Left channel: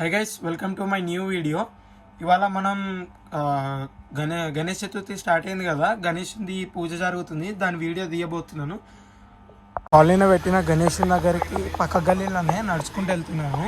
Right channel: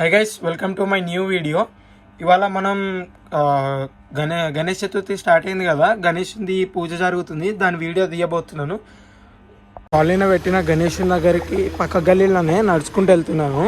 Hi guys, welcome to my new video. ఇవాళ మనం Ganesh Chaturthi start అయింది కదా, గణేష్ది పూజ జరుగుతుంది, దాని వీడియో తీయబోతున్నాను. కాలనీలో పెట్టిన గణేష్ దగ్గరికి పక్క గల్లీలోనే నడుచుకుంటూ వెళ్తున్నాను.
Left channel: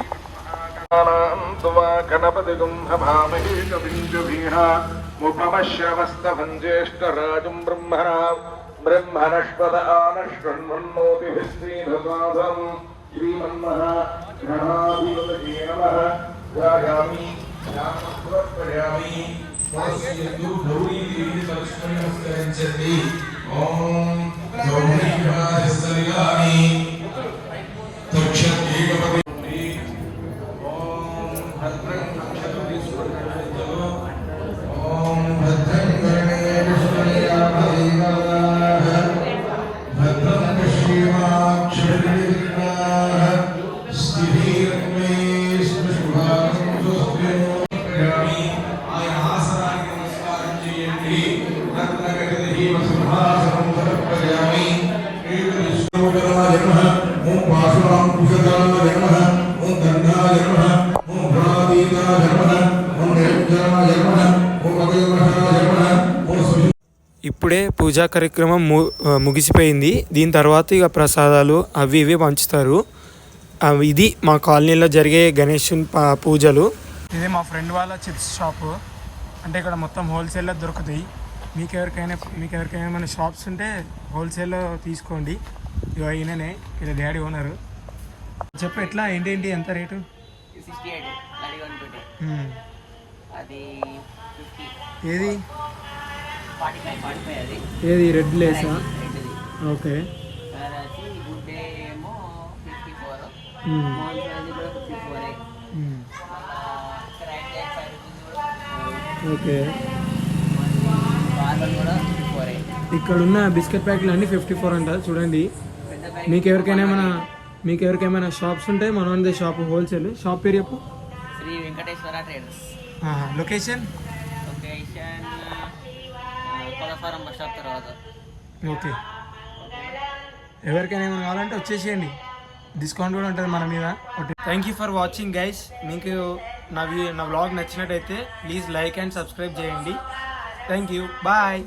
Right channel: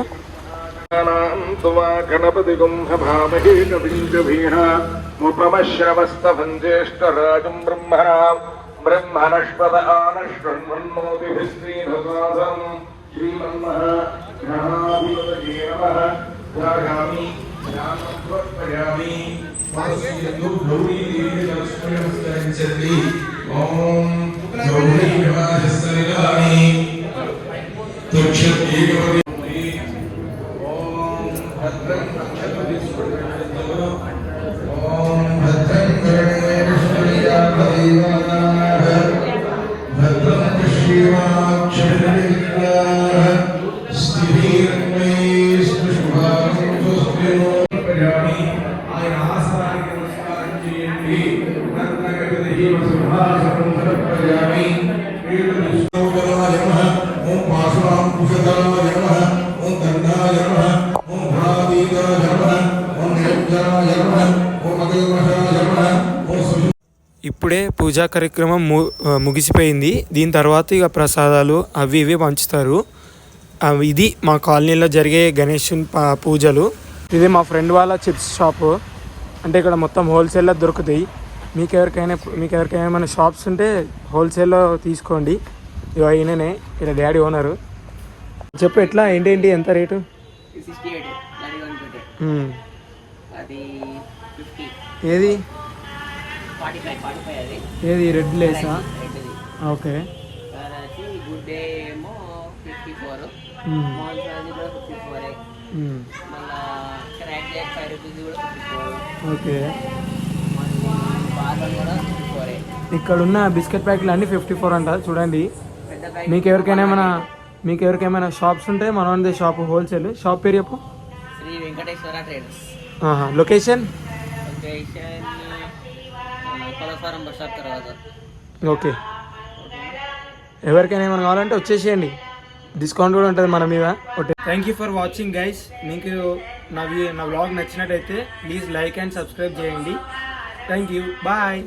ఇప్పుడే పూజా కార్యక్రమం ముగిసిపోయింది. దీని తర్వాత ఇక ప్రసాదాలు అవి ఇవి పంచుతారు. ఇది మా కాలనీలో జరిగే గణేష్ పూజలు. ఇది మా ఫ్రెండ్ వాళ్ళ చిప్స్ షాపు. అంటే ఇక్కడ మొత్తం హోల్సేల్లో దొరుకుతాయి. మీకు ఎవరికైనా మన షాప్స్ ఉంటే హోల్సేల్లో తీసుకోండి. ఇక ఈయననే ఇలా డాడీ ఓనరు. చెప్పు ఎట్లా ఏంటి ఎంత రేటు? ఏది ఏది రెడ్ లేసా? ఓకే. ఓకే. ఇక్కడ ఉన్న బిస్కెట్ ప్యాకెట్లు అన్నీ 54 అంట. చూడండి, మీకు ఎవరికైనా షాప్స్ ఉంటే మనది షాప్ హోల్సేల్. షాప్ పేరు చెప్పు. Sri Venkateswara traders. Location okay. ఎవరికైనా ఏమైనా కావాలంటే వచ్చేసేయండి, డిస్కౌంట్ కూడా ఉంటుంది మన మీద. Okay, thank you for watching guys. మీకు నా వ్లాగ్ నచ్చినట్టయితే ప్లీజ్ లైక్ అండ్ సబ్స్క్రైబ్ చేయండి. Thank you, bye.